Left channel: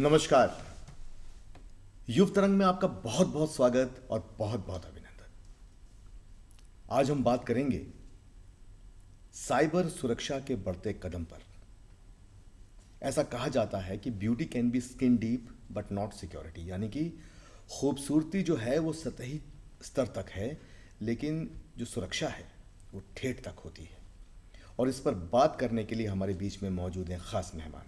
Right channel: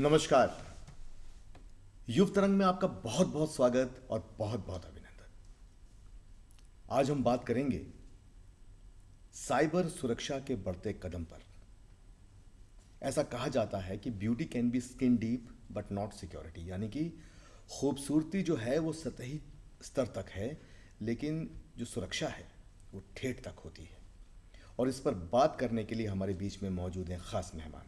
नमस्कार। युव तरंग में आपका बहुत बहुत स्वागत और बहुत बहुत अभिनंदन। आज हम बात करेंगे साइबर सुरक्षा के बढ़ते कदम पर। ऐसा कहा जाता है कि beauty can be skin deep but not security, यानी कि खूबसूरती जो है वो सतही स्तर तक है, लेकिन जो सुरक्षा है वो ठेठ तक होती है। और इस पर बात करने के लिए हमारे बीच में मौजूद हैं खास मेहमान।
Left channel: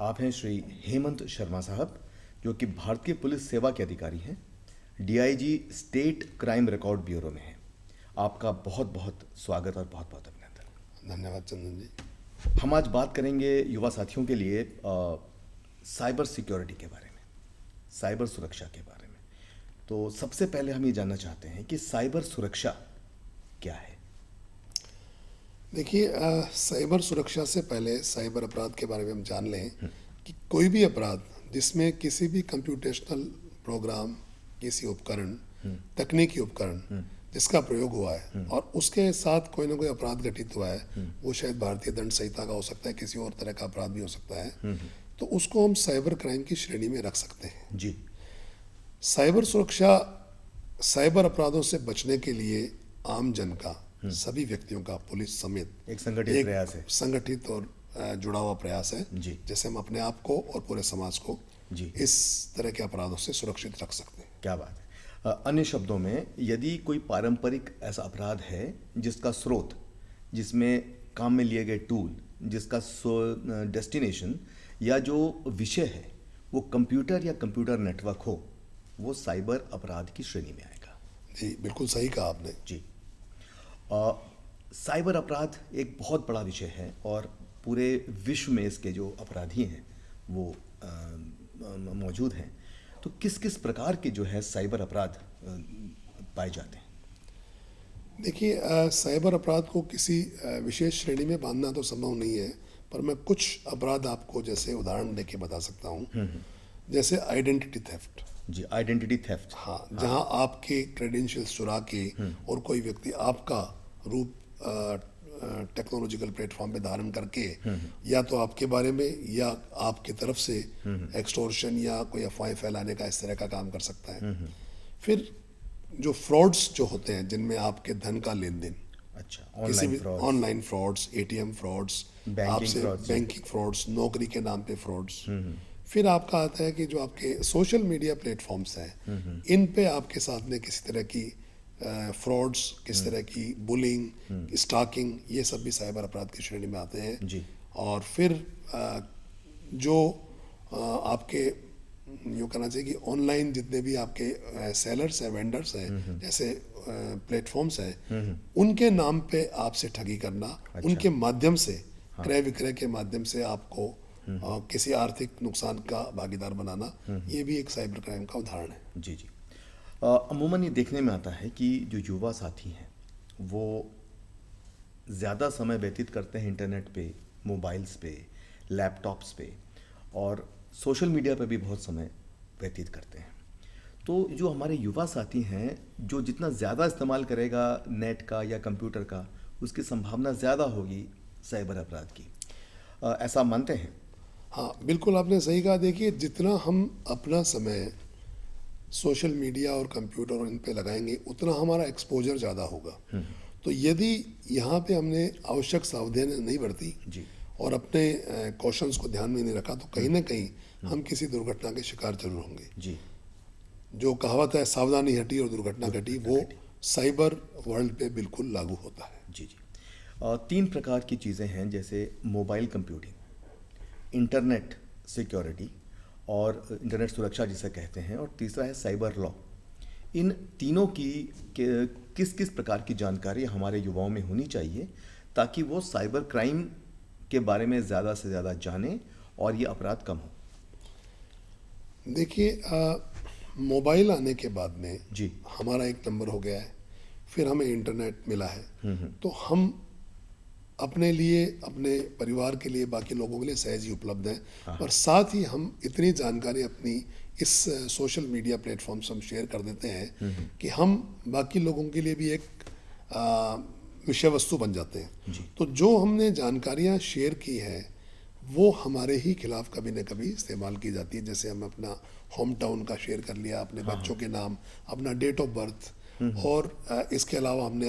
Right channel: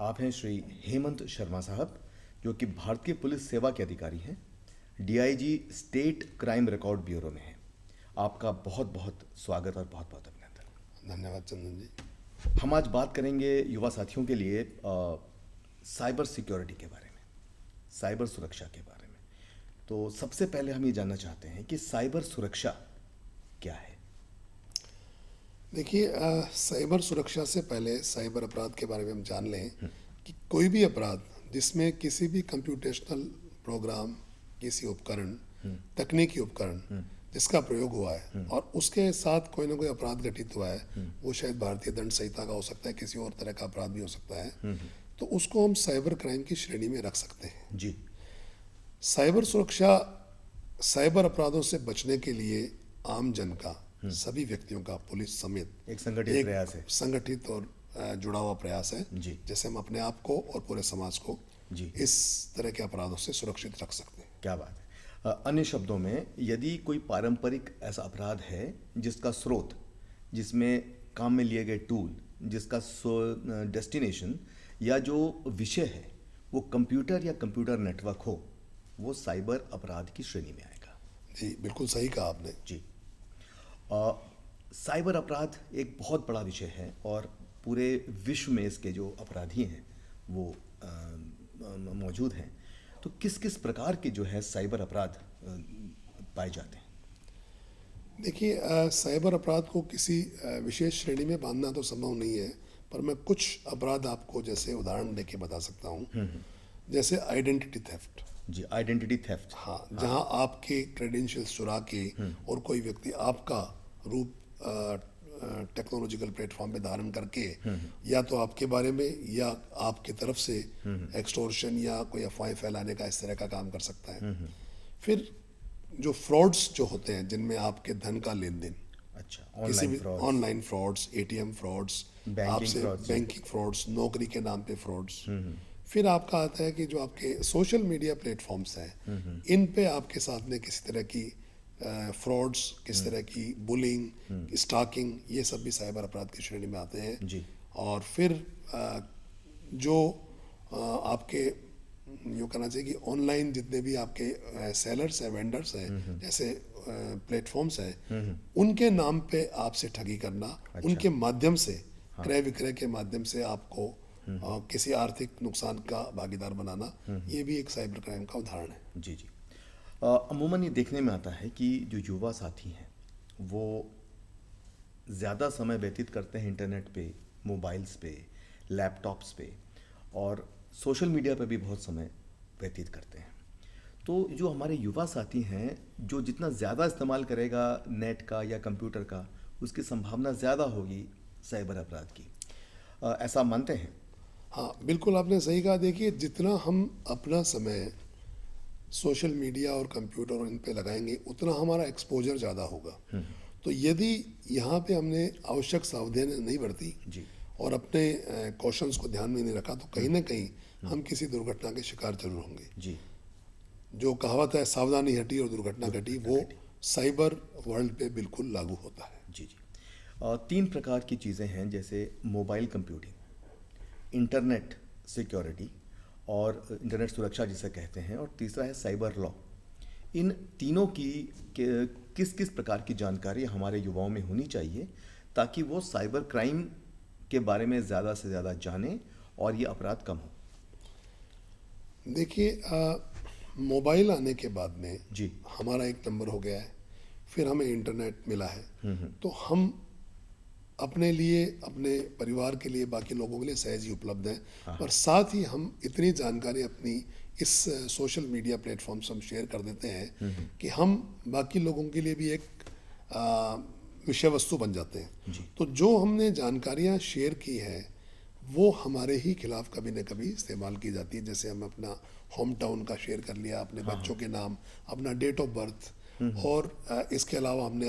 आप हैं श्री हेमंत शर्मा साहब, जो कि भारतीय पुलिस सेवा के अधिकारी हैं, DIG state crime record bureau में हैं। आपका बहुत बहुत स्वागत और बहुत बहुत अभिनंदन। धन्यवाद चंदन जी। हम आज बात करेंगे युवा साथियों के लिए साइबर सिक्योरिटी के बारे में, साइबर सुरक्षा के बारे में। तो सबसे पहले हम ये जानना चाहते हैं कि साइबर सुरक्षा क्या है। देखिए, साइबर सुरक्षा से पहले साइबर अपराध के बारे में हम जान लें कि कोई भी अपराध जिसमें किसी भी कंप्यूटेशनल प्रोग्राम, किसी उपकरण, तकनीकी उपकरण जिसका प्रयोग हुआ है और उसके साथ कोई ना कोई अपराध घटित हुआ है, वो शायद भारतीय दंड संहिता का हो सकता है, किसी और तरह का अपराध भी हो सकता है, तो उसको हम साइबर क्राइम की श्रेणी में रख सकते हैं जी। साइबर सुरक्षा साइबर अपराधों से बचने के लिए आम जन का, सभी व्यक्तियों का, पुलिस समेत एक संगठित प्रयास है। संगठित और जुड़ा हुआ प्रयास है, जी। जैसे हम अपने आप को और पूरे समाज को जी। इस तरह के अपराधों से सुरक्षित रख सकते हैं। क्या बात है। अन्य शब्दों में, यदि कोई पारंपरिक ऐसा अपराध है जिसका स्रोत, जिसमें काम में लिए गए टूल, जिसका डेस्टिनेशन या जो विषय है वो कंप्यूटर या कंप्यूटर नेटवर्क हो, वो साइबर अपराध की श्रेणी में आएगा। जी, बिल्कुल सही कहा आपने। जी। साइबर अपराध एक बहुत बड़ा विषय है और पूरे विश्व में इसके जो अपराधी हैं वो मौजूद हैं। तो किस किस प्रकार के जो है साइबर अपराध पाए जाते हैं? देखिए, साइबर अपराध को किसी विशेष श्रेणी में बांधना तो संभव नहीं है, पर मैं कुछ अपराध आपको जैसे उदाहरण देके बता सकता हूँ। जैसे आइडेंटिटी थेफ्ट। जी, आइडेंटिटी थेफ्ट। हाँ, जहाँ आपके क्रेडेंशियल्स चुरा के और कोई व्यक्ति आपका रूप टेक्नोलॉजिकल प्लेटफॉर्म पे धारण करके या तो आपके बारे में या आपकी तरफ से एक्सटॉर्शन या कोई अफवाहें फैलाने का, इस तरह का काम कर सकता है। फिर जो फ्रॉड्स जो होते हैं जिनमें आपके धन का लेन देन, अच्छा, किसी भी ऑनलाइन फ्रॉड्स, एटीएम फ्रॉड्स, आपसे बैंकिंग फ्रॉड्स, नौकरी के नाम पे फ्रॉड्स। फिर आपका आता है कि जो आपके सोशल मीडिया प्लेटफॉर्म्स हैं, इन पे आपके साथ में किसी तरह की फ्रॉड्स, किस तरह की बुलिंग, स्टॉकिंग, ये सब भी साइबर अपराध की श्रेणी में आते हैं। जी। और फिर जो आपके यूँ कहना चाहिए कि ऑनलाइन जितने भी आपके सेलर्स हैं, वेंडर्स हैं, जैसे प्लेटफॉर्म्स हैं, उनके नाम पे आपसे ठगी करना। अच्छा। उनके माध्यम से, क्रय विक्रय के माध्यम से आपको किसी आर्थिक नुकसान का भागीदार बनाना, ये भी एक साइबर क्राइम का उदाहरण है। जी जी। अमूमन ये देखने में आता है कि जो युवा साथी हैं वो ज़्यादा समय व्यतीत करते हैं इंटरनेट पे, मोबाइल्स पे, लैपटॉप्स पे और सोशल मीडिया पे भी बहुत समय व्यतीत करते हैं। तो जो हमारे युवा साथी हैं, जो जितना ज़्यादा इस्तेमाल करेगा नेट का या कंप्यूटर का, उसकी संभावना ज़्यादा होगी साइबर अपराध की। ऐसा मानते हैं? हाँ, बिल्कुल आपने सही कहा। देखिए, जितना हम अपना समय सोशल मीडिया और कंप्यूटर और इन पे लगाएंगे, उतना हमारा एक्सपोजर ज़्यादा होगा। तो यदि यहाँ पे हमने आवश्यक सावधानी नहीं बरती जी। और अपने कॉशंस को ध्यान में नहीं रखा, तो कहीं ना कहीं हम किसी दुर्घटना के शिकार जरूर होंगे। जी। जो कहावत है, सावधानी हटी और दुर्घटना घटी, वो साइबर वर्ल्ड पे बिल्कुल लागू होता है। जी जी। 3 प्रकार की चीज़ें हैं, जैसे मोबाइल कंप्यूटिंग, इंटरनेट सिक्योरिटी और इंटरनेट सुरक्षा जिसे कहते हैं, और तीसरा है साइबर लॉ। इन तीनों की किस किस प्रकार की जानकारी हमारे युवाओं में होनी चाहिए ताकि वो साइबर क्राइम के बारे में ज़्यादा से ज़्यादा जानें और ये अपराध कम हो? देखिए, मोबाइल आने के बाद में जी। हमारा एक नंबर हो गया है, फिर हमें इंटरनेट मिला है, तो हम अपने लिए, अपने परिवार के लिए, बाकी लोगों के लिए सहज ही उपलब्ध हैं। और साथ ही हम इतनी जानकारी अपनी इस सोशल मीडिया प्लेटफॉर्म से हम शेयर कर देते हैं कि हम बाकी लोगों के लिए भी एक विषय वस्तु बन जाते हैं। जी। तो जो हमने जानकारियाँ शेयर की हैं वो हमारे ही खिलाफ कभी न कभी इस्तेमाल की जाती है। जैसे हम अपना होम टाउन का शेयर कर लिया, अपने बच्चों के नाम, अपना डेट ऑफ बर्थ, और इसके अलावा हमने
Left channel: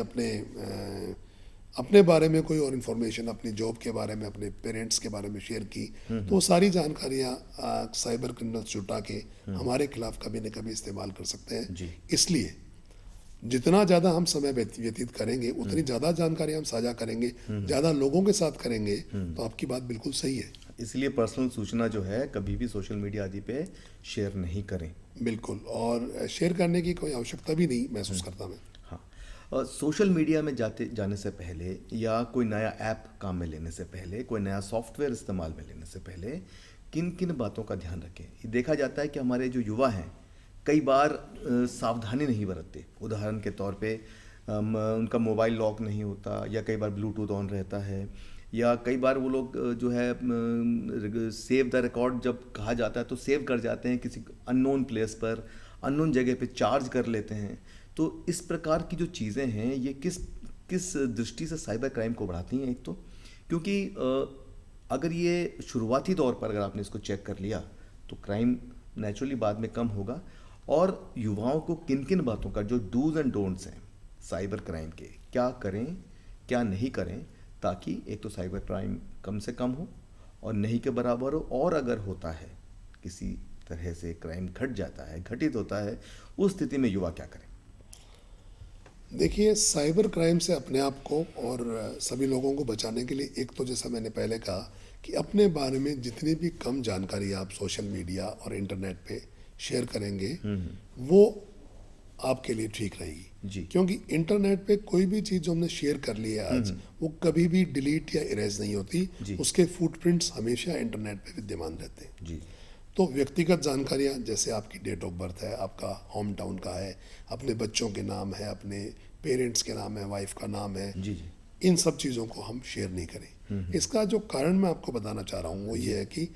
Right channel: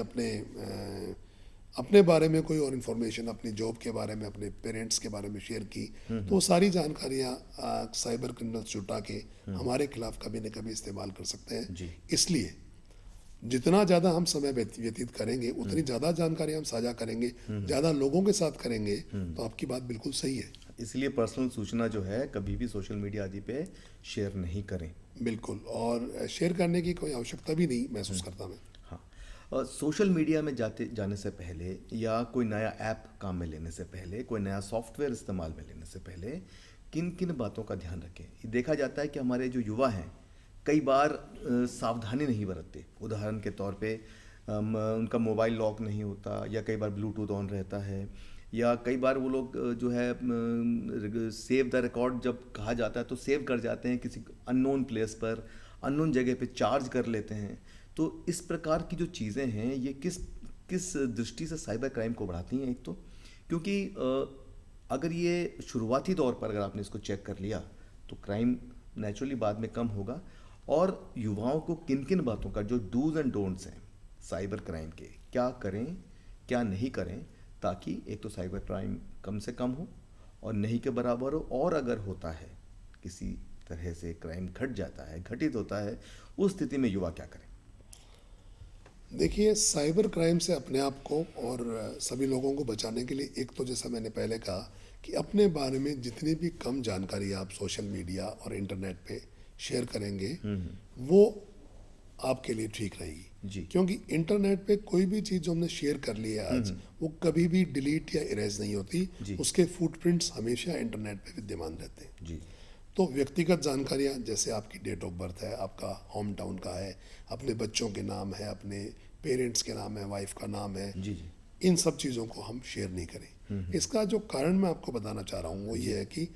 अपने बारे में कोई और इन्फॉर्मेशन, अपनी जॉब के बारे में, अपने पेरेंट्स के बारे में शेयर की, तो वो सारी जानकारियाँ साइबर क्रिमिनल्स जुटा के हमारे खिलाफ कभी न कभी इस्तेमाल कर सकते हैं। जी। इसलिए जितना ज़्यादा हम समय व्यतीत करेंगे, उतनी ज़्यादा जानकारी हम साझा करेंगे, ज़्यादा लोगों के साथ करेंगे, तो आपकी बात बिल्कुल सही है। इसलिए पर्सनल सूचना जो है कभी भी सोशल मीडिया आदि पे शेयर नहीं करें। बिल्कुल, और शेयर करने की कोई आवश्यकता भी नहीं महसूस करता मैं। हाँ, सोशल मीडिया में जाने से पहले या कोई नया ऐप काम में लेने से पहले, कोई नया सॉफ्टवेयर इस्तेमाल में लेने से पहले किन किन बातों का ध्यान रखें? ये देखा जाता है कि हमारे जो युवा हैं कई बार सावधानी नहीं बरतते। उदाहरण के तौर पे उनका मोबाइल लॉक नहीं होता, या कई बार ब्लूटूथ ऑन रहता है, या कई बार वो लोग जो है सेव द रिकॉर्ड जब कहा जाता है तो सेव कर जाते हैं किसी अननोन प्लेस पर, अननोन जगह पे चार्ज कर लेते हैं। तो इस प्रकार की जो चीज़ें हैं ये किस किस दृष्टि से साइबर क्राइम को बढ़ाती हैं? एक तो क्योंकि अगर ये शुरुआती दौर पर अगर आपने इसको चेक कर लिया तो क्राइम नेचुरली बाद में कम होगा। और युवाओं को किन किन बातों का, जो डूज एंड डोंट्स हैं साइबर क्राइम के, क्या करें क्या नहीं करें, ताकि एक तो साइबर क्राइम कम से कम हो और नहीं के बराबर हो, और अगर होता है किसी तरह से क्राइम घट जाता है, घटित होता है, उस स्थिति में युवा क्या करें? देखिए, साइबर क्राइम से अपने आप को और सभी लोगों को बचाने के लिए, एक तो जैसा मैंने पहले कहा कि अपने बारे में जितनी भी कम जानकारी आप सोशल मीडिया और इंटरनेट पे शेयर करेंगे, वो आपके लिए ठीक रहेगी जी। क्योंकि इंटरनेट पे कोई भी चीज़ जो हमने शेयर कर ली है आज, वो कभी भी डिलीट या इरेज नहीं होती। जी। उसके फुटप्रिंट्स हमेशा इंटरनेट पे विद्यमान रहते हैं। जी। तो व्यक्तिगत जानकारियाँ, जैसे आपकी डेट ऑफ बर्थ है, आपका होम टाउन का है, अपने बच्चों के नाम है, अपने पेरेंट्स के नाम है, वाइफ का नाम है, जी। जी। इन सब चीज़ों को हम शेयर नहीं करें। इसका जो कारण मैं आपको बताना चाह रहा हूँ वो ये है कि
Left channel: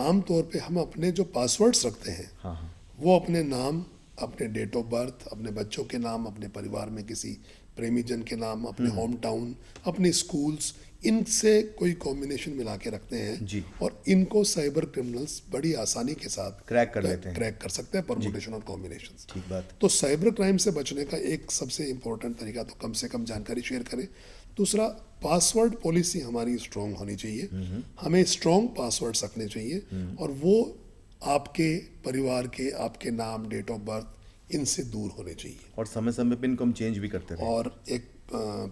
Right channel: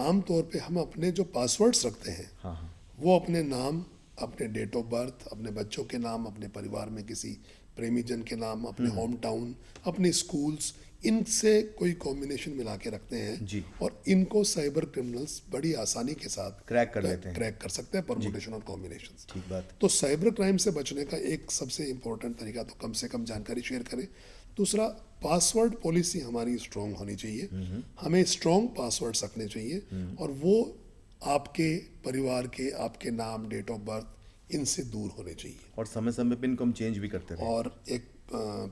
आमतौर पे हम अपने जो पासवर्ड्स रखते हैं, हाँ हाँ। वो अपने नाम, अपने डेट ऑफ बर्थ, अपने बच्चों के नाम, अपने परिवार में किसी प्रेमीजन के नाम, अपने होम टाउन, अपने स्कूल्स, इनसे कोई कॉम्बिनेशन मिला के रखते हैं जी। और इनको साइबर क्रिमिनल्स बड़ी आसानी के साथ क्रैक कर लेते हैं। क्रैक कर सकते हैं, परमुटेशन और कॉम्बिनेशन। ठीक बात। तो साइबर क्राइम से बचने का एक सबसे इम्पोर्टेंट तरीका तो कम से कम जानकारी शेयर करें। दूसरा, पासवर्ड पॉलिसी हमारी स्ट्रॉन्ग होनी चाहिए। हमें स्ट्रॉन्ग पासवर्ड रखने चाहिए और वो आपके परिवार के, आपके नाम, डेट ऑफ बर्थ, इनसे दूर होने चाहिए। और समय समय पे इनको हम चेंज भी करते रहे। और एक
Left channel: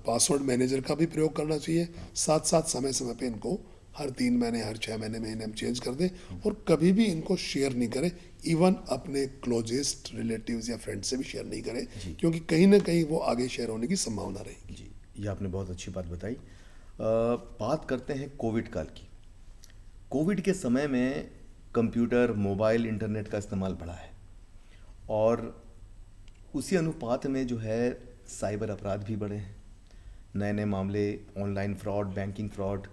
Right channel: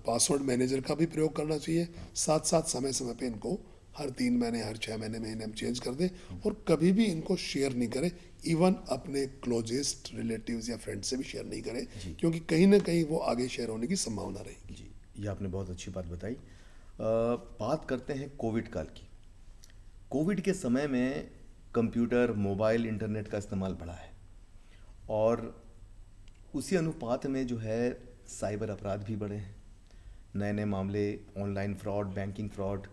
पासवर्ड मैनेजर का भी प्रयोग करना चाहिए। साथ साथ समय समय पे इनको हर 3 महीने, हर 6 महीने हम चेंज कर दें, और कभी भी इनको शेयर नहीं करें। इवन अपने क्लोजेस्ट रिलेटिव्स या फ्रेंड से भी शेयर नहीं करें, क्योंकि कहीं ना कहीं वो आगे शेयर होने की संभावना रहेगी। जी, ये आपने बहुत अच्छी बात बताई। बात करते हैं कोविड काल की। कोविड के समय में कंप्यूटर, मोबाइल, इंटरनेट का इस्तेमाल बढ़ा है, और उसी अनुपात में जो है साइबर अपराध भी बढ़े हैं। नए नए मामले, ऑनलाइन फ्रॉड, बैंकिंग फ्रॉड,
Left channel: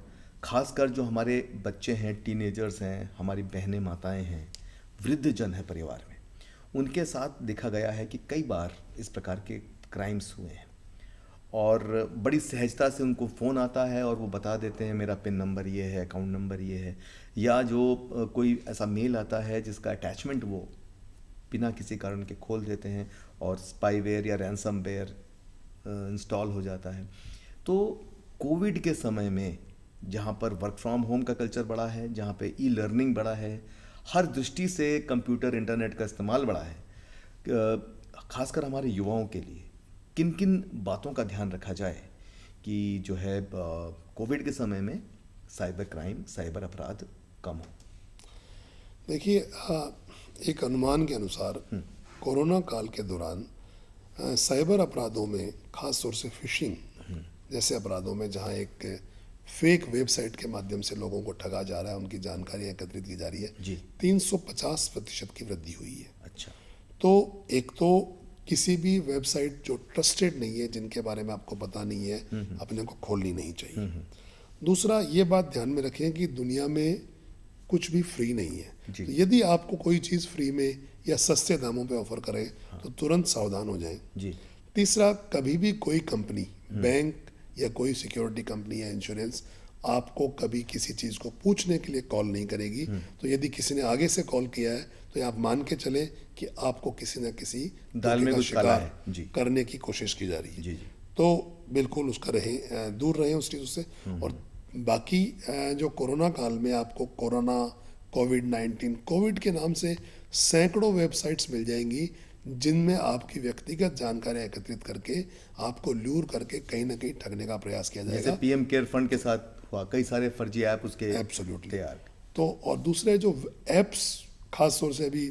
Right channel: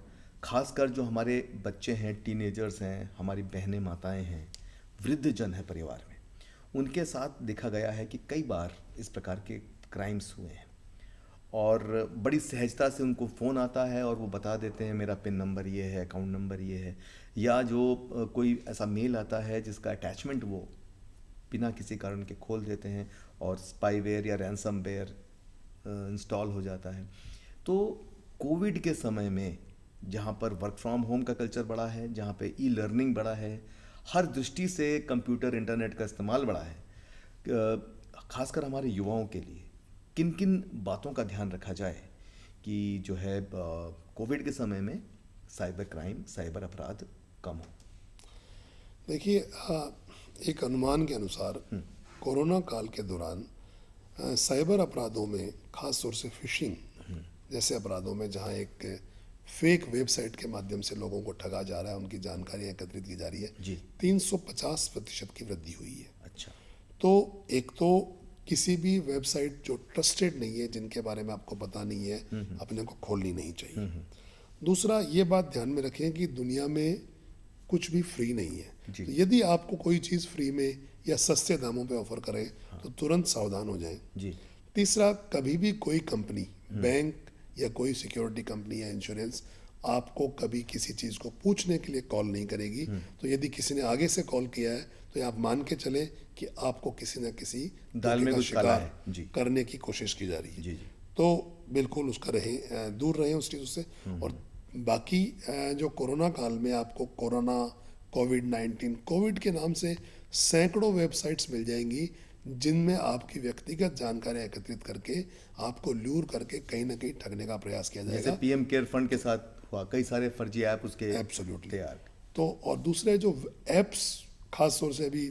खासकर जो हमारे बच्चे हैं, टीनेजर्स हैं, हमारी बहनें, माताएं हैं, वृद्धजन है परिवार में, उनके साथ देखा गया है कि कई बार इस प्रकार के क्राइम्स हुए हैं, और बड़ी सहजता से उनको फ़ोन आता है और वो बता देते हैं मेरा पिन नंबर ये है, अकाउंट नंबर ये है, या जो कोई ऐसा मेल आता है जिसका अटैचमेंट वो बिना किसी कारण के खोल देते हैं और स्पाईवेयर या रैंसमवेयर इंस्टॉल हो जाता है। तो कोविड के समय में जहाँ पर वर्क फ्रॉम होम का कल्चर बढ़ा है, जहाँ पे ई लर्निंग बढ़ा है, हर दृष्टि से कंप्यूटर, इंटरनेट का इस्तेमाल बढ़ा है, खासकर हमारे युवाओं के लिए किन किन बातों का ध्यान रखा जाए कि जो है कोविड के समय में साइबर क्राइम, साइबर अपराध कम हो? देखिए, एक अनुमान के अनुसार कोरोना काल के दौरान साइबर अपराधों में, खास तौर से फिशिंग जैसे अपराधों में, जहां एक फेक वेबसाइट के माध्यम से लोगों को ठगा जा रहा है, उनकी जानकारियां एकत्रित की जा रही है, जी। 350% की वृद्धि हुई है। अच्छा। तो एक तो किसी भी वेबसाइट जो ट्रस्टेड नहीं है, जिनके बारे में आपको पता नहीं है, अपने को खोलनी नहीं चाहिए। दूसरा, ये बात ध्यान में रखें कि दुनिया में कुछ भी फ्री नहीं है। जी। तो यदि आपको कोई चीज़ फ्री में या सस्ते दामों पे ऑफर करे, तो तुरंत सावधान हो जाएं। जी। तीसरा, कभी भी कोई कंपनी, बैंक या कोई सिक्योरिटी कंपनी या इंश्योरेंस आपको कभी किसी चीज़ को पूछने के लिए कॉल नहीं करेगी। तो यदि किसी ने आगे से कॉल किया है तो आप मान के चले कि आपको किसी न किसी दाल धोखे में का कुछ काला शिकार है। जी करने की कोशिश की जा रही है। जी जी। तो बिल्कुल उसका दूर रहें उस चीज़ों से। और बाकी जो कोरोना काल में आपको कोरोना, कोविड-19, कोविड के नाम से सैकड़ों वेबसाइट्स मिल जाएंगी जिनमें आपकी व्यक्तिगत जानकारी एकत्रित करके आपको लूर करके कहीं ना कहीं ठगने का प्रयास किया जैसे जाएगा। पीएम केयर फंड के साथ हुआ, कई सारे फर्जी ऐप उसके एब्सोल्युटली। तैयार। तो और दूसरे जो एप्स, खास तौर से अभी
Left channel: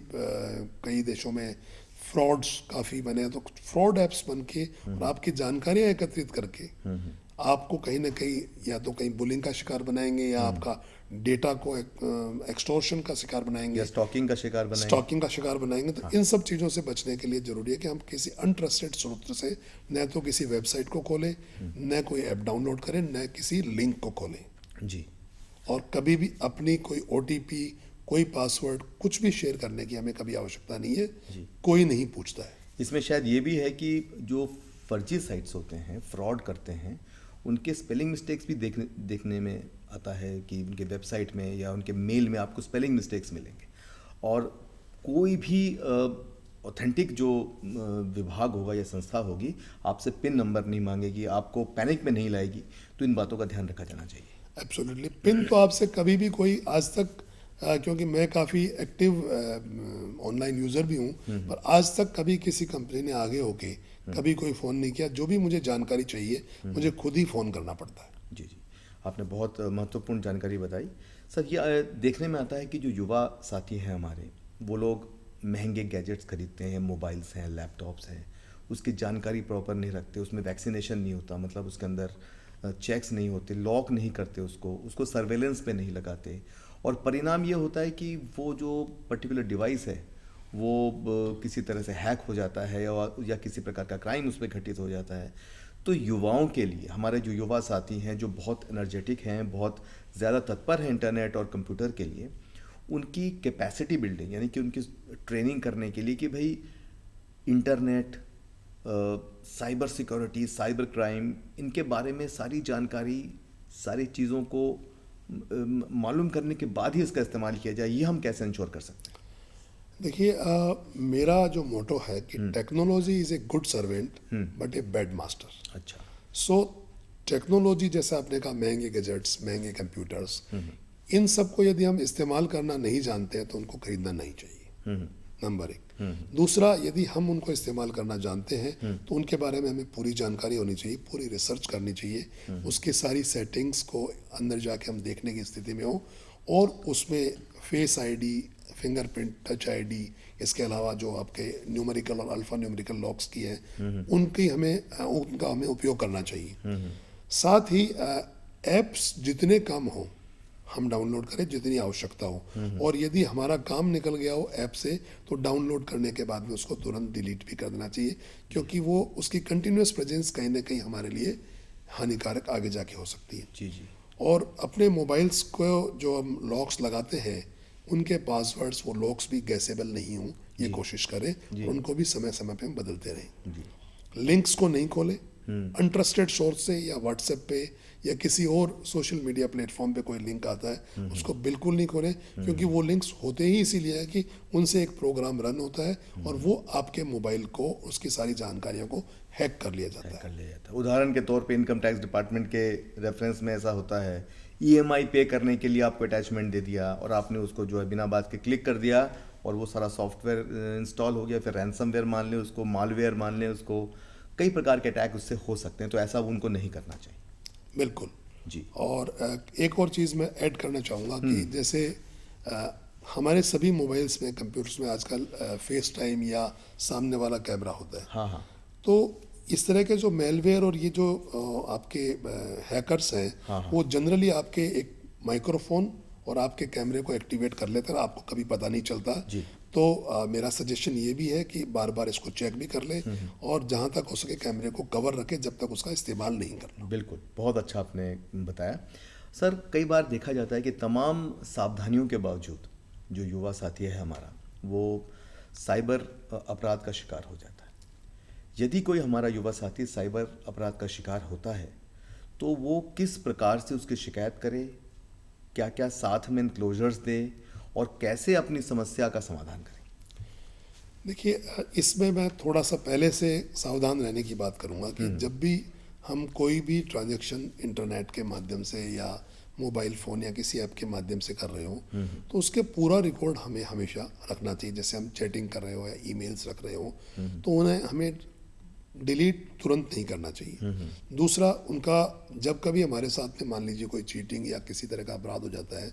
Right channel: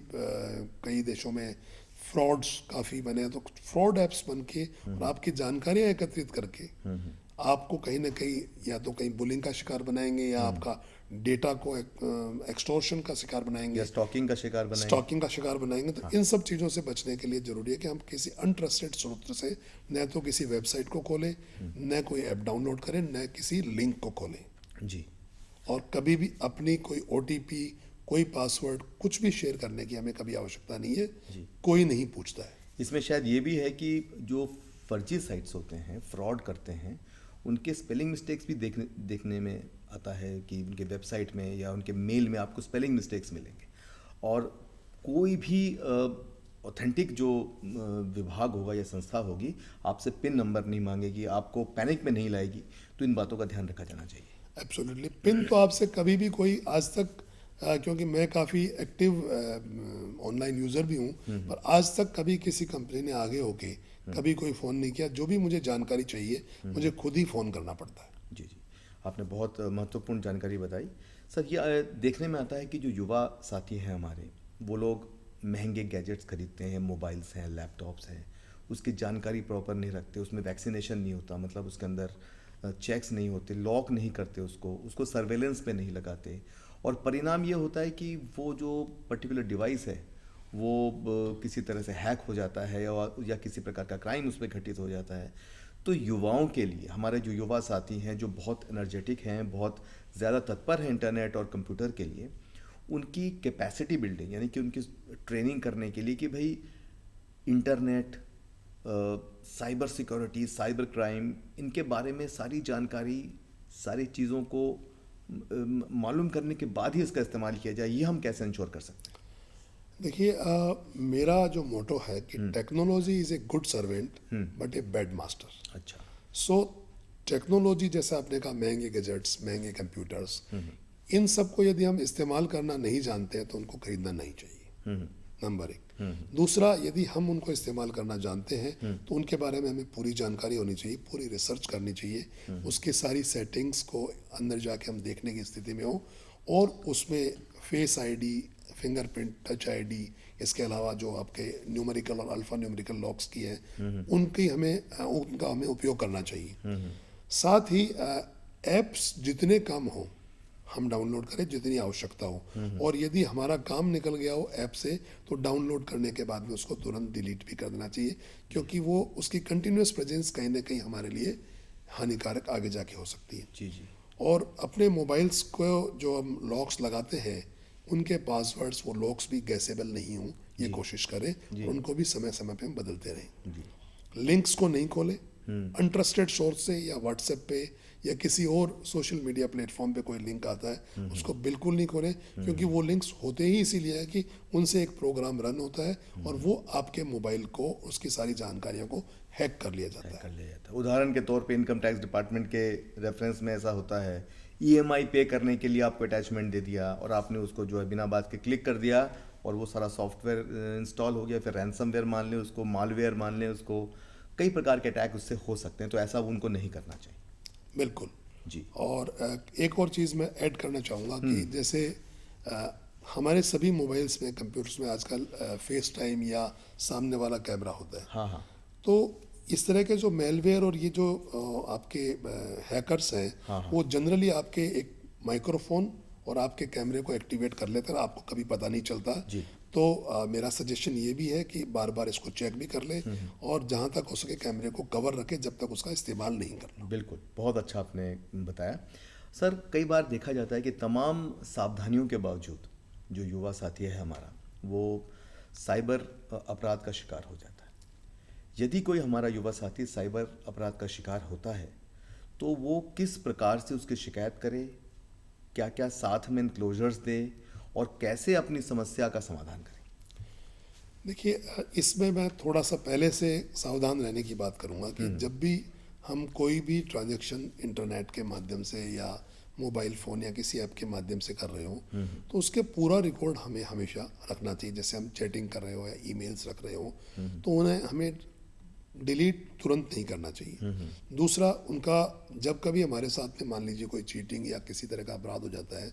कई देशों में फ्रॉड्स काफ़ी बने हैं, तो फ्रॉड एप्स बन के और आपकी जानकारियां एकत्रित करके आपको कहीं ना कहीं या तो कहीं बुलिंग का शिकार बनाएंगे या आपका डेटा को एक्सटॉर्शन का शिकार या बनाएंगे, स्टॉकिंग का शिकार बनाएंगे। स्टॉकिंग का शिकार बनाएंगे। तो इन सब चीज़ों से बचने के लिए ज़रूरी है कि हम किसी अनट्रस्टेड स्रोत से न तो किसी वेबसाइट को खोलें, न कोई ऐप डाउनलोड करें, न किसी लिंक को खोलें। जी। और कभी भी अपनी कोई ओटीपी, कोई पासवर्ड, कुछ भी शेयर करने की हमें कभी आवश्यकता नहीं है। कोई नहीं पूछता है। इसमें शायद ये भी है कि जो फर्जी साइट्स होते हैं, फ्रॉड करते हैं, उनके स्पेलिंग मिस्टेक्स भी देखने में आता है कि उनके वेबसाइट में या उनके मेल में आपको स्पेलिंग मिस्टेक्स मिलेंगे। और कोई भी ऑथेंटिक जो विभाग होगा या संस्था होगी आपसे पिन नंबर नहीं मांगेगी, आपको पैनिक में नहीं लाएगी। तो इन बातों का ध्यान रखा जाना चाहिए। एब्सोल्युटली। पिन तो आपसे कभी भी कोई आज तक क्योंकि मैं काफ़ी एक्टिव ऑनलाइन यूज़र भी हूँ, पर आज तक कभी किसी कंपनी ने आगे होके कभी कोई फ़ोन नहीं किया। जो भी मुझे जानकारी चाहिए मुझे खुद ही फ़ोन करना पड़ता है। जी जी, आपने बहुत महत्वपूर्ण जानकारी बताई। सर, ये देखने में आता है कि जो युवा साथी हैं हमारे, वो लोग महंगे गैजेट्स खरीदते हैं, मोबाइल्स हैं, लैपटॉप्स हैं, उसकी जानकारी प्रॉपर नहीं रखते, उसमें वैक्सीनेशन नहीं होता, मतलब उसके अंदर चेक्स नहीं होते, लॉक नहीं करते उसको सर्वेलेंस पे नहीं लगाते। और परिणाम ये होता है कि वो जो पर्टिकुलर डिवाइस है वो किसी तरह से हैक हो जाता है या किसी प्रकार का क्राइम उस पर घटित हो जाता है। तो युवाओं के लिए, हमारे जो युवा साथी हैं जो बहुत एनर्जेटिक हैं, बहुत ज़्यादा तत्पर हैं इंटरनेट और कंप्यूटर के लिए, उनकी कैपेसिटी बिल्डिंग यानी कि उनकी ट्रेनिंग करने के लिए कि भाई internet, cyber security, cyber crime, इनके बारे में सारी जानकारी, सारी चीज़ों को मालूम करने के बाद ही इसका इस्तेमाल किया जाए, ये हम कैसे इंश्योर कर सकते हैं? देखिए, मेरा जो मोटो है कि technology is a good servant but a bad master. अच्छा। सो टेक्नोलॉजी, जैसा आपने कहा, महंगे गैजेट्स, महंगे कंप्यूटर्स, इन सब को यदि हम इस्तेमाल करना नहीं जानते हैं तो उनको खरीदना नहीं चाहिए, नंबर एक। दूसरा, यदि हम उनको इस्तेमाल करना जानते हैं तो उनके बारे में हमें पूरी जानकारी होनी चाहिए, पूरी रिसर्च करनी चाहिए, उसकी सारी सेटिंग्स को अंदर जाके हम देखने की स्थिति में हो, और उसमें face ID, fingerprint, touch ID, इसके अलावा जो आपके न्यूमेरिकल और अल्फा न्यूमेरिकल लॉक्स की है उनका हमें उपयोग करना चाहिए। साथ ही एप्स जितने कम हो हम डाउनलोड करें, जितनी आवश्यकता हो। और यदि हमारा काम निकल गया हो ऐप से तो डाउनलोड करने के बाद में उसको तुरंत डिलीट भी कर देना चाहिए, क्योंकि वो उसकी कंटिन्यूस प्रेजेंस कहीं ना कहीं हमारे लिए हानिकारक आगे जाके हो सकती है। जी जी। और अपने मोबाइल्स को जो हम लॉक्स लगाते हैं उनके पासवर्ड्स, वो लॉक्स भी गैसेबल नहीं हों, ये कोशिश करें। और उनको भी समय समय पे हम बदलते रहें। लिंक्स को नहीं खोलें अनट्रस्टेड सोर्स से, या व्हाट्सएप पे या किसी और सोशल मीडिया प्लेटफॉर्म पे कोई लिंक आता है उसको बिल्कुल नहीं खोलें, क्योंकि वो लिंक्स होते ही इसीलिए है कि उनसे एक प्रोग्राम रन होता है और वो आपके मोबाइल को, उसकी सारी जानकारियों को हैक कर लिया जाता है। उदाहरण के तौर पे इनकम टैक्स डिपार्टमेंट के रेफरेंस में ऐसा होता है, ईएमआई पे करने के लिए आपको अटैचमेंट दे दिया और आपने उसको जो है बिना बात के क्लिक कर दिया और वो सारा सॉफ्टवेयर इंस्टॉल हो गया, फिर रैंसमवेयर मान लें उसको, मालवेयर मान लें उसको, कई प्रकार के अटैक उससे हो सकते हैं। तो ऐसा उनको नहीं करना चाहिए। बिल्कुल जी। और एक और चीज़ मैं ऐड करना चाहूँगा कि जैसे हमारे सभी मोबाइल्स में, कंप्यूटर्स में आजकल फेस टाइम या सामने वाला कैमरा होता है। हाँ हाँ। तो इस तरह के जो मेलवेयर और ये जो आपके हैकर्स हैं, वो जनरली आपके एक माइक्रोफोन और आपके कैमरे को एक्टिवेट कर लेते हैं, आपको कभी पता नहीं चलता। जी। तो मेरा सजेशन ये भी है कि बार बार इसको चेक भी कर लें और जहाँ तक हो सके कैमरे को कवर रखें जब तक उसका इस्तेमाल नहीं करना। बिल्कुल, बहुत अच्छा आपने बताया। सर, कई बार देखा जाता है कि तमाम सावधानियों के बावजूद जो युवा साथी है हमारा, वो साइबर अपराध का शिकार हो जाता है। यदि कोई हमारा युवा साथी साइबर अपराध का शिकार होता है तो वो किस प्रकार से उसकी शिकायत करे, क्या क्या साथ में इनक्लोजर्स दे और कैसे अपनी समस्या का समाधान करे? देखिए, इसमें मैं थोड़ा सा पहले से सावधान रहने की बात करूंगा कि जब भी हम कोई भी ट्रांजैक्शन इंटरनेट के माध्यम से या मोबाइल फ़ोन या किसी ऐप के माध्यम से कर रहे हो, तो उसके पूरा रिकॉर्ड हमें हमेशा रखना चाहिए। जैसे हम चैटिंग कर रहे हो या ईमेल्स रख रहे हो, तो उन्हें हमें डिलीट तुरंत नहीं करना चाहिए। दूसरा, उनका जब कभी हमारे साथ में मान लीजिए कोई चीटिंग या किसी तरह का अपराध हो जाता है,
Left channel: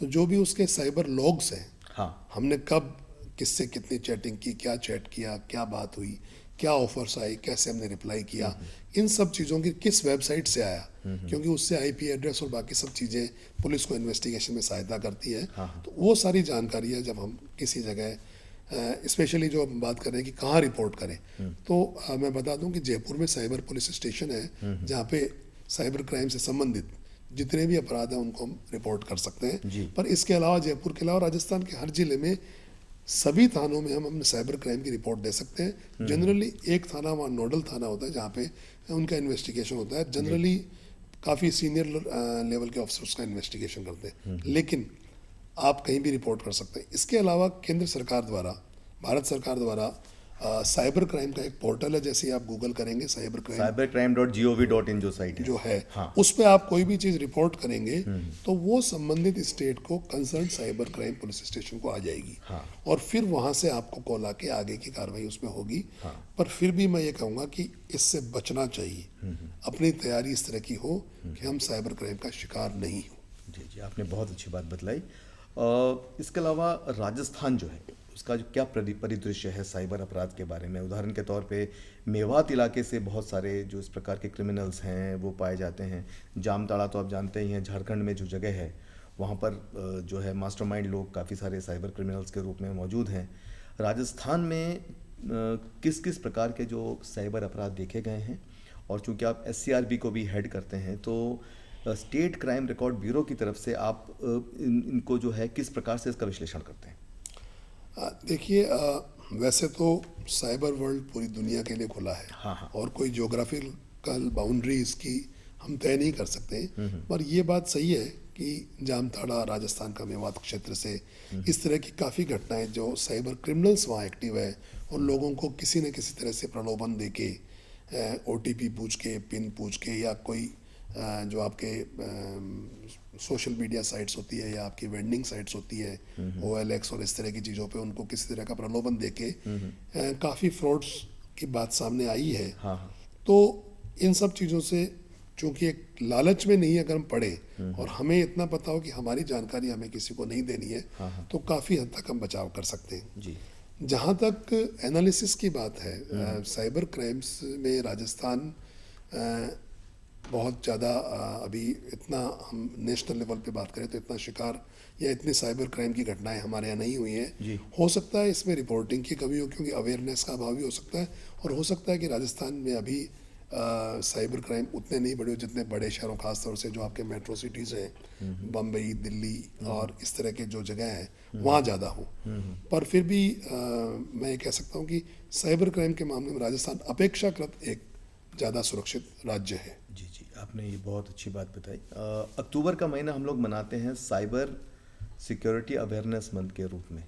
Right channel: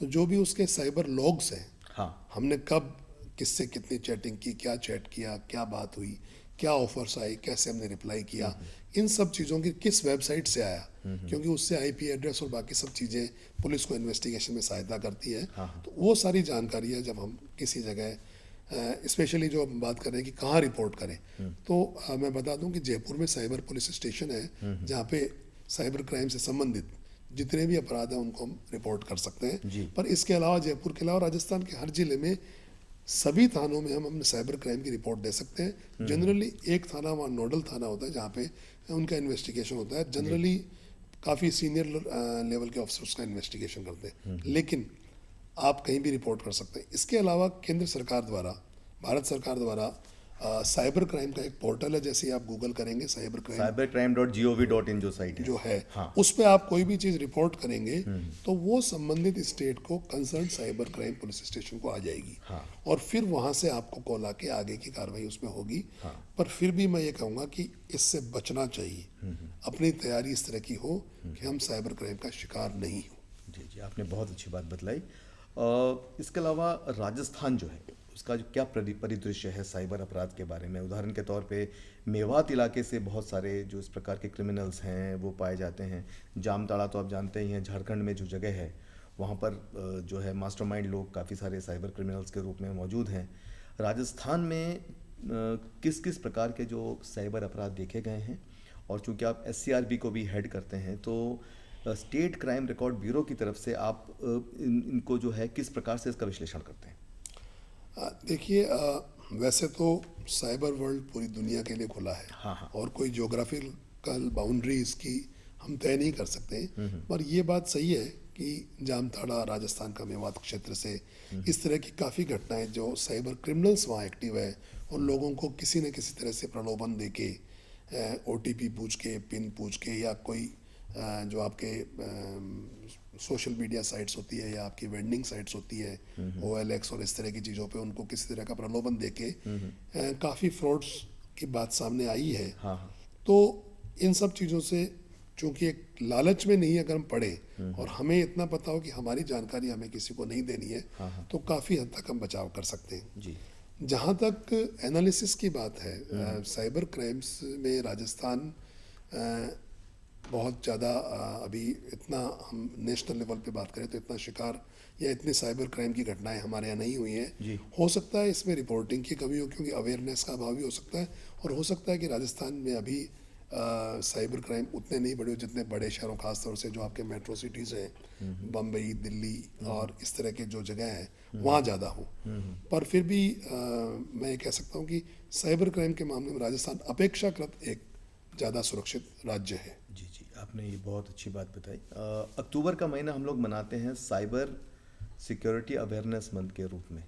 तो जो भी उसके साइबर लॉग्स हैं, हाँ। हमने कब किससे कितनी चैटिंग की, क्या चैट किया, क्या बात हुई, क्या ऑफर्स आई, कैसे हमने रिप्लाई किया, इन सब चीज़ों की किस वेबसाइट से आया, क्योंकि उससे आईपी एड्रेस और बाकी सब चीज़ें पुलिस को इन्वेस्टिगेशन में सहायता करती है। तो वो सारी जानकारियाँ जब हम किसी जगह, स्पेशली जो हम बात कर रहे हैं कि कहाँ रिपोर्ट करें, तो मैं बता दूं कि जयपुर में साइबर पुलिस स्टेशन है जहाँ पे साइबर क्राइम से संबंधित जितने भी अपराध हैं उनको हम रिपोर्ट कर सकते हैं। पर इसके अलावा जयपुर के अलावा राजस्थान के हर जिले में सभी थानों में हम अपने साइबर क्राइम की रिपोर्ट दे सकते हैं। जनरली एक थाना वहाँ नोडल थाना होता है जहाँ पे उनका इन्वेस्टिगेशन होता है। जनरली काफ़ी सीनियर लेवल के ऑफिसर्स का इन्वेस्टिगेशन करते हैं, लेकिन आप कहीं भी रिपोर्ट कर सकते हैं। इसके अलावा केंद्र सरकार द्वारा, भारत सरकार द्वारा साइबर क्राइम का एक पोर्टल है। जैसे आप गूगल करेंगे cybercrime.gov.in जो साइट है, जो है, हाँ। उस पर आप कोई भी चीज़ रिपोर्ट करेंगे तो वो संबंधित स्टेट को concern cyber crime police station को आ जाएगी, हाँ। और फिर वहाँ से आपको कॉल आके आगे की कार्रवाई उसमें होगी। हाँ। पर फिर भी मैं ये कहूँगा कि इससे बचना चाहिए। अपनी तैयारी इस तरह की हो कि हम साइबर क्राइम का शिकार नहीं हो। जी जी, आपने बहुत अच्छी बात बतलाई। इसके अलावा राजस्थान जो है उसका जो क्या परिदृश्य है साइबर अपराध के बारे में? उदाहरण के तौर पे मेवात इलाके से बहुत सारे जो इस प्रकार के क्रिमिनल्स हैं वो पाए जाते हैं। जामताड़ा तो आप जानते ही हैं, झारखंड में जो जगह है वहाँ पर जो है मास्टरमाइंड लोग काफ़ी सारे साइबर क्रिमिनल्स के रूप में मौजूद हैं। राजस्थान में किस किस प्रकार के जो साइबर अपराध देखे गए हैं? और चूँकि आप SCRB को भी हेड करते हैं, तो स्टेट क्राइम रिकॉर्ड ब्यूरो की तरफ से आप इनको जो है किस प्रकार से इसका विश्लेषण करते हैं? देखिए, वैसे तो साइबर वर्ल्ड पूरी दुनिया के लिए खुला है, हाँ, हाँ। और कोई ज्योग्राफिकल बाउंड्री इसकी हम तय नहीं कर सकते। पर ये बात सही है कि जामताड़ा, राजस्थान का मेवात क्षेत्र से इस तरह की काफ़ी घटनाएं जो साइबर क्रिमिनल्स वहाँ एक्टिव है और लोगों को किसी न किसी तरह से प्रलोभन दे के, OTP पूछ के, पिन पूछ के, या कोई जो आपके सोशल मीडिया साइट्स होती है या आपकी वेंडिंग साइट्स होती है, OLX और इस तरह की चीज़ों पे उनको किसी तरह का प्रलोभन देके काफ़ी फ्रॉड्स की बात सामने आई है। हाँ। तो इन सब चीज़ों से चूंकि एक लालच में नहीं अगर हम पढ़े और हमें इतना पता हो कि हमारी जानकारी हमें किसी को नहीं देनी है, तो काफ़ी हद तक हम बचाव कर सकते हैं। जी। जहाँ तक एनालिसिस की बात है, साइबर क्राइम्स में राजस्थान बहुत ज़्यादा अभी इतना, हम नेशनल लेवल पे बात करें तो इतना शिकार या इतनी साइबर क्राइम की घटनाएं हमारे यहाँ नहीं हुई हैं। हो सकता है इसमें रिपोर्टिंग की कमी हो, क्योंकि अवेयरनेस का अभाव भी हो सकता है, और हो सकता है कि राजस्थान में अभी साइबर क्राइम उतने नहीं बढ़े जितने बड़े शहरों, खासतौर से जो आपके मेट्रो सिटीज़ हैं, बम्बई, दिल्ली और इस तरह के जो जगह हैं वहाँ ज़्यादा हो। पर फिर भी मैं ये कह सकता हूँ कि साइबर क्राइम के मामले में राजस्थान अपेक्षाकृत एक ज़्यादा सुरक्षित राज्य है। जी जी, आपने ये बहुत अच्छी बात बताई। अक्टूबर का महीना हम लोग मनाते हैं साइबर सिक्योरिटी अवेयरनेस मंथ के रूप में,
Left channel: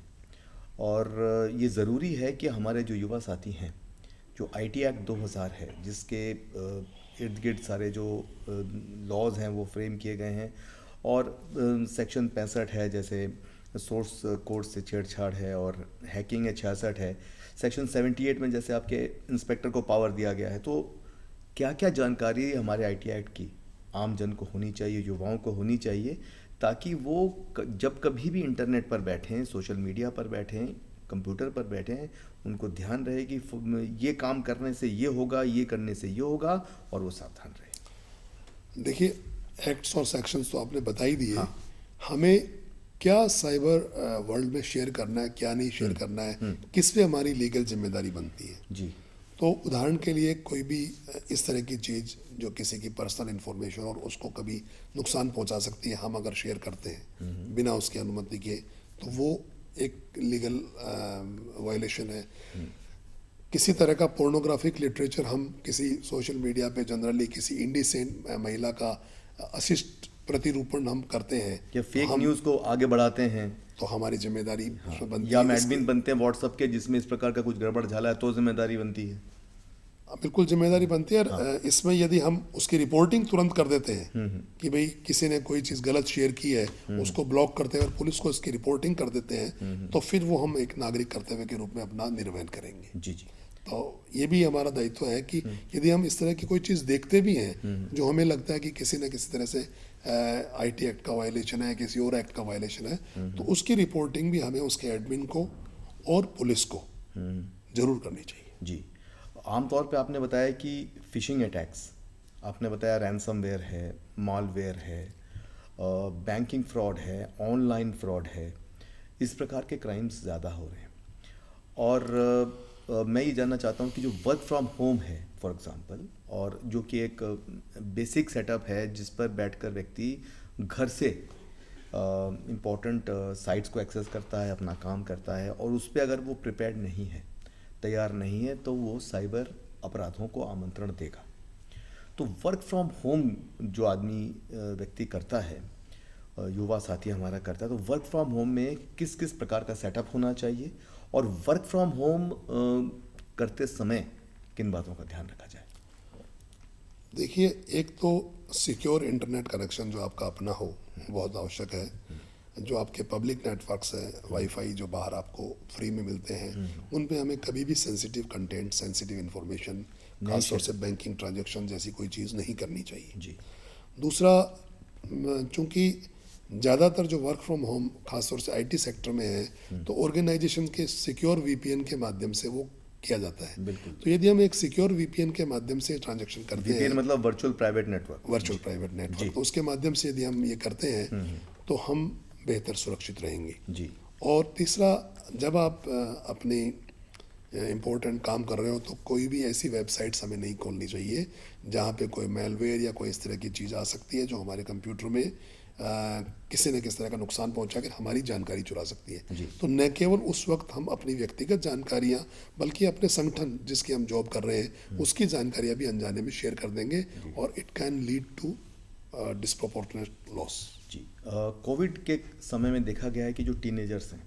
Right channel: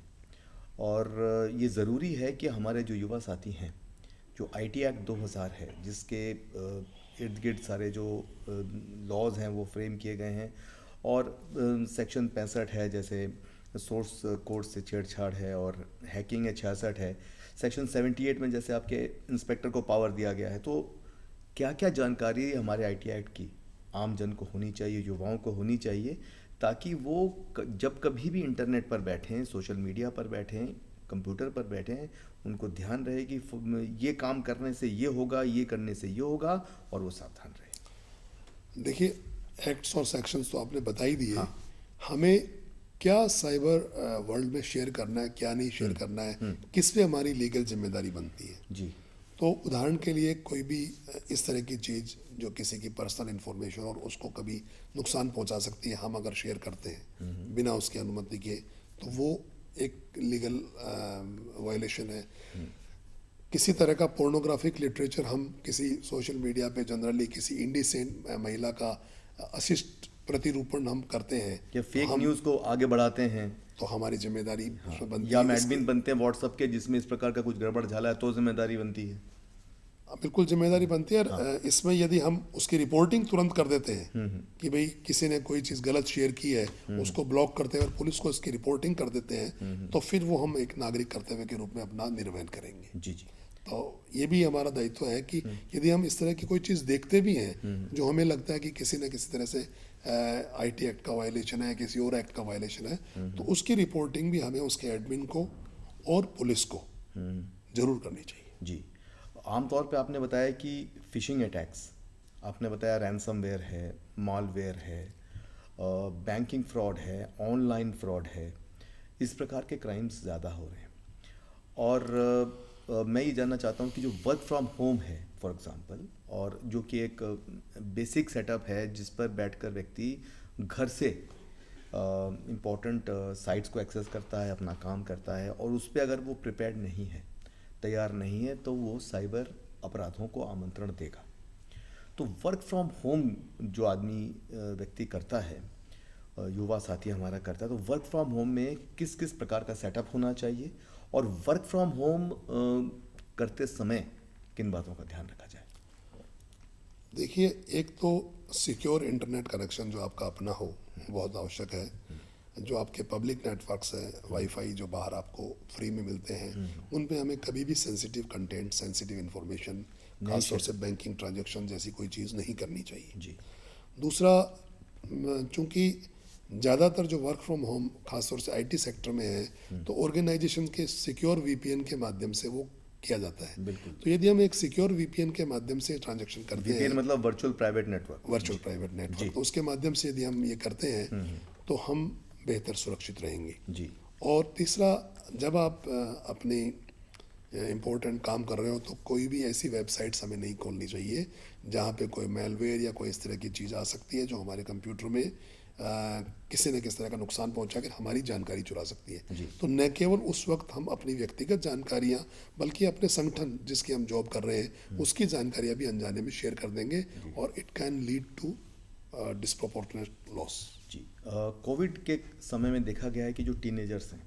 और ये ज़रूरी है कि हमारे जो युवा साथी हैं, जो IT एक्ट 2000 है जिसके इर्द गिर्द सारे जो लॉज हैं वो फ्रेम किए गए हैं, और सेक्शन 65 है, जैसे सोर्स कोड से छेड़छाड़ है, और हैकिंग है 66 है, सेक्शन 78 में जैसे आपके इंस्पेक्टर को पावर दिया गया है। तो क्या क्या जानकारी हमारे IT एक्ट की आम जन को होनी चाहिए, युवाओं को होनी चाहिए, ताकि वो जब कभी भी इंटरनेट पर बैठें, सोशल मीडिया पर बैठें, कंप्यूटर पर बैठें, उनको ध्यान रहे कि ये काम करने से ये होगा, ये करने से ये होगा, और वो सावधान रहे। देखिए, एक्ट्स और सेक्शंस तो आपने बता ही दिए। हाँ। हमें क्या साइबर वर्ल्ड में शेयर करना है, क्या नहीं शेयर करना है, किस पे हमारी लीगल जिम्मेदारी बनती है। जी। तो उदाहरण के लिए कोई भी इस तरह की चीज़ जो किसी की पर्सनल इन्फॉर्मेशन और उसको कभी नुकसान पहुंचा सकती है, हम अगर शेयर करते हैं बिना उसकी अनुमति के, तो वो एक लीगल वायलेशन है। किसी तरह का पोर्नोग्राफिक लिटरेचर हम किसी सोशल मीडिया पे जनरली किसी इंडिसेंट महिला का अशिष्ट प्रतिरूपण हम करते हैं या फेक न्यूज़ को आगे बढ़ाते हैं, तो हमारी जिम्मेदारी उसमें बनती या है। हम एडमिन बनते हैं व्हाट्सएप के जिसमें इस प्रकार का कुछ गड़बड़ झाला है तो जिम्मेदारी बनती है। बिल्कुल जिम्मेदारी बनती है। और इसमें यदि हम उसकी रिपोर्टिंग तुरंत कर देते हैं कि भाई किसी ने कोई चीज़ गलत शेयर की है, उसको ब्लॉक करते हैं और पुलिस को इसकी रिपोर्टिंग कर देते हैं, तो फिर वो हम एक नागरिक कर्तव्य के रूप में अपना निर्वहन करेंगे। जी जी। तो ये भी हमारा दायित्व है कि यदि हम इस तरह की कोई चीज़ देखते भी हैं जो हमें लगता है कि किसी न किसी तरह से आईटी एक्ट का वायलेशन है, किसी और एक्ट का वायलेशन है, तो उसकी रिपोर्टिंग भी हमें उसके एडमिन को और पुलिस को जरूर करनी चाहिए। जी। आमतौर पे आपने बताया कि फिशिंग अटैक्स, आपने बताया रैनसमवेयर है, मॉलवेयर है, बैंकिंग फ्रॉड है, ऑनलाइन फ्रॉड है, इस प्रकार के क्राइम्स ज़्यादा हो रहे हैं। और मैं ये जानना चाहता हूँ कि जो वर्क फ्रॉम होम है फॉर एग्जांपल, और जो कि एक बेसिक सेटअप है जिस पर बैठकर व्यक्ति घर से इम्पोर्टेंट साइट्स को एक्सेस करता है, अपना काम करता है, और उस पर अगर वो प्रिपेयर्ड नहीं है, तैयार नहीं है, तो वो साइबर अपराधों को आमंत्रण देगा। तो वर्क फ्रॉम होम जो आदमी व्यक्ति करता है, युवा साथी हमारा करता है, तो वर्क फ्रॉम होम में किस किस प्रकार का सेटअप होना चाहिए, और वर्क फ्रॉम होम करते समय किन बातों का ध्यान रखा जाए? देखिए, एक तो सिक्योर इंटरनेट कनेक्शन जो आपका अपना हो बहुत आवश्यक है। जो आपके पब्लिक नेटवर्क्स हैं, वाईफाई जो बाहर आपको फ्री में मिलते हैं, उन पे हमें कभी भी सेंसिटिव कंटेंट, सेंसिटिव इंफॉर्मेशन, खासतौर से बैंकिंग ट्रांजैक्शन जैसी कोई चीज़ नहीं करनी चाहिए। जी। दूसरा, चूंकि ज़्यादातर जो वर्क फ्रॉम होम खासतौर से आईटी सेक्टर में है, तो ऑर्गेनाइजेशन के सिक्योर वीपीएन के माध्यम से वो किया जाता है। बिल्कुल। तो यदि हम एक सिक्योर वीपीएन के माध्यम से ट्रांजैक्शन करते हैं, वीपीएन मतलब virtual private network, virtual private network, तो उसके माध्यम से यदि हम ये करते हैं तो हम बेहतर सुरक्षित रहेंगे। जी। और तीसरा, जब आप अपनी इम्पोर्टेंट काम कर रहे हो तो कोई भी ऐसी वेबसाइट्स हमें नहीं खोलनी चाहिए जहाँ पे कोई मेलवेयर या कोई इस तरह की चीज़ आ सकती है जो हमारे कंप्यूटर में किसी न किसी तरह का नुकसान पहुंचा कर हमारी जानकारी चुरा सकती है। तो न केवल उस वक्त हम अपनी व्यक्तिगत जानकारियां, बल्कि अपने संगठन जिसकी हम जॉब कर रहे हैं उसकी जानकारियां भी अनजाने में शेयर कर देंगे, और it can lead to disproportionate loss. जी। कोविड के समय में देखा गया है कि जो टीनेजर्स हैं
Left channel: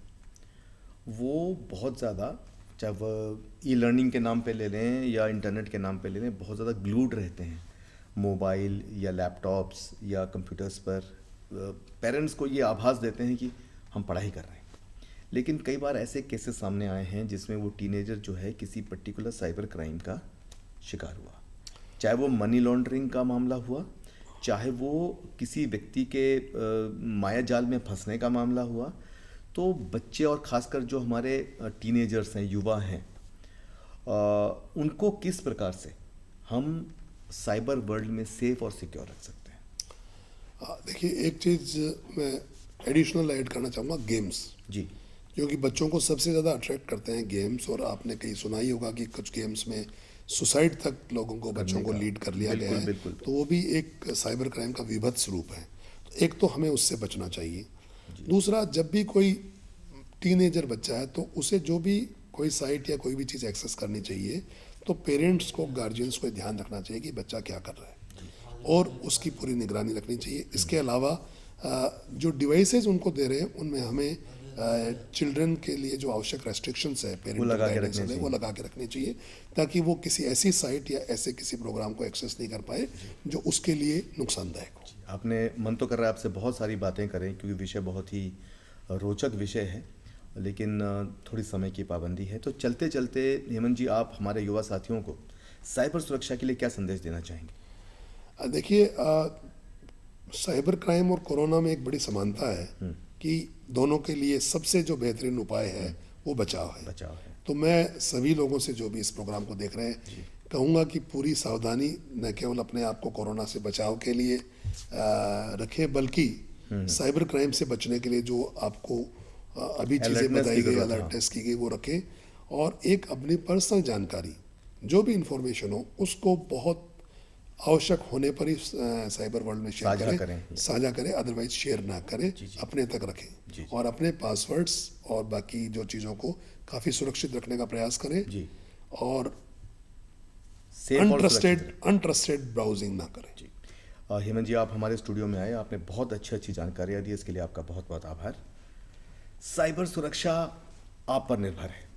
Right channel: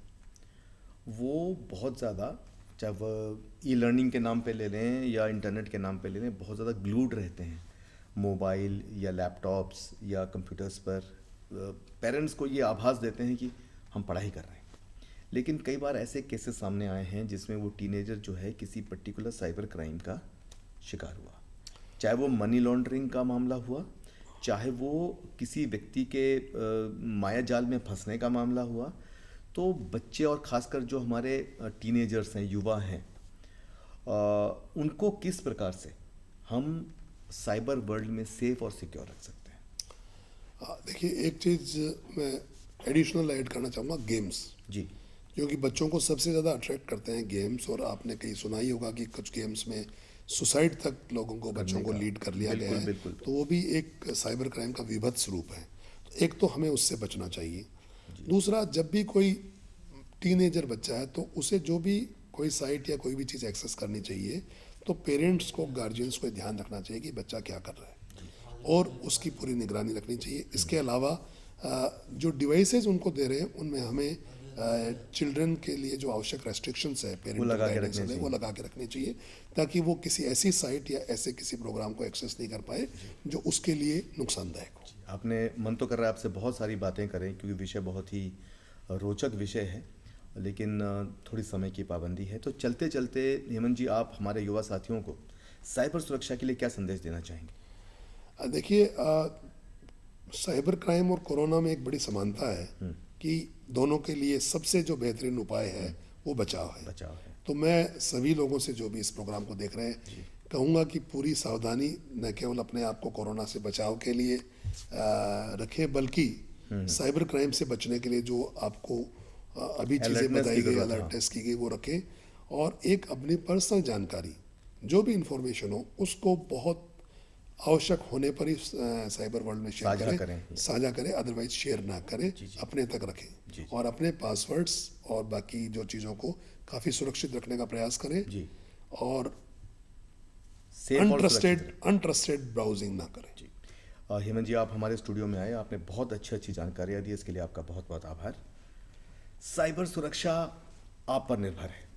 वो बहुत ज़्यादा, चाहे वह ई लर्निंग के नाम पे ले लें या इंटरनेट के नाम पे ले लें, बहुत ज़्यादा ग्लूड रहते हैं मोबाइल या लैपटॉप्स या कंप्यूटर्स पर। पेरेंट्स को ये आभास देते हैं कि हम पढ़ाई कर रहे हैं, लेकिन कई बार ऐसे केसेस सामने आए हैं जिसमें वो टीनेजर जो है किसी पर्टिकुलर साइबर क्राइम का शिकार हुआ, चाहे वो मनी लॉन्ड्रिंग का मामला हुआ, चाहे वो किसी व्यक्ति के माया जाल में फंसने का मामला हुआ। तो बच्चे और ख़ासकर जो हमारे टीनेजर्स हैं, युवा हैं, उनको किस प्रकार से हम साइबर वर्ल्ड में सेफ और सिक्योर रख सकते हैं? देखिए, एक चीज़ मैं एडिशनल ऐड करना चाहूँगा, गेम्स। जी। क्योंकि बच्चों को सबसे ज़्यादा अट्रैक्ट करते हैं गेम्स, और आपने कहीं सुना ही होगा कि कुछ गेम्स में सुसाइड तक लोगों को, बच्चों को लीड कर लिया गया है। बिल्कुल। तो वो भी एक साइबर क्राइम का विभत्स रूप है। तो एक तो हमें उससे बचना चाहिए। दूसरा, जब भी कोई टीनेजर बच्चा है तो उसे जो भी कोई साइट या कोई भी चीज़ एक्सेस करनी चाहिए, तो पेरेंट्स को, गार्जियंस को ध्यान रखना चाहिए कि बच्चा क्या कर रहा है, और उसकी पूरी निगरानी रखनी चाहिए। इसके अलावा जो डिवाइसेस उनको दे रहे हैं उनमें हमें चिल्ड्रन के लिए जो आवश्यक रेस्ट्रिक्शंस है, पेरेंटल गाइडेंस है, वो लगा के रखनी चाहिए, ताकि वो किसी ऐसी साइट या ऐसे किसी प्रोग्राम को एक्सेस नहीं कर पाए जो उसके लिए नुकसानदायक हो। आपने मन तो कर रहा है आपसे बहुत सारी बातें करें, क्योंकि विषय बहुत ही रोचक विषय है, लेकिन थोड़ी समय की पाबंदी है। तो चलते चलते हेमंत जी, आप हमारे युवा साथियों को साइबर सुरक्षा के लिए क्या संदेश देना चाहेंगे? देखिए, साइबर क्राइम और कोरोना में एक बड़ी समानता है कि दोनों के लिए सबसे जो बेहतरीन उपाय है वो बचाव है। तो मैं सभी लोगों से, जो भी इस प्रोग्राम को देख रहे हैं, कहूँगा कि पूरी सावधानी न केवल अपने आप को कोरोना से बचाव के लिए रखें, बल्कि साइबर क्राइम से बचने के लिए जो आपको अभी चीज़ें बताई गई, अलर्टनेस की गई, वो रखें। और एक अपनी पर्सनल जानकारी, जो भी इंफॉर्मेशन हो, उसको बहुत आवश्यक होने पर ही साइबर वर्ल्ड में शेयर करें, साझा करें, अदरवाइज शेयर ना करें, अपने तक रखें, और अपने पासवर्ड्स और बाकी जो चीज़ों को काफ़ी सुरक्षित रखने का प्रयास करें। और सेफ और सुरक्षित अनट्रस्टेड ब्राउजिंग ना करें। जी। हेमंत जी, आप हमारे स्टूडियो में आए, आपने बहुत अच्छी जानकारियाँ दी, इसके लिए आपका बहुत बहुत आभार। साइबर सुरक्षा आप पर निर्भर है।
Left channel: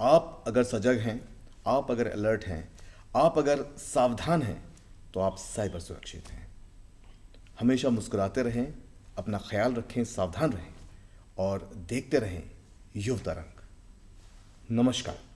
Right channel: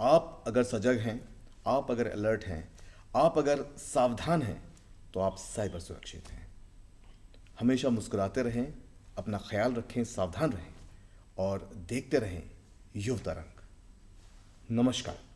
आप अगर सजग हैं, आप अगर अलर्ट हैं, आप अगर सावधान हैं, तो आप साइबर सुरक्षित हैं। हमेशा मुस्कुराते रहें, अपना ख्याल रखें, सावधान रहें और देखते रहें युव तरंग। नमस्कार।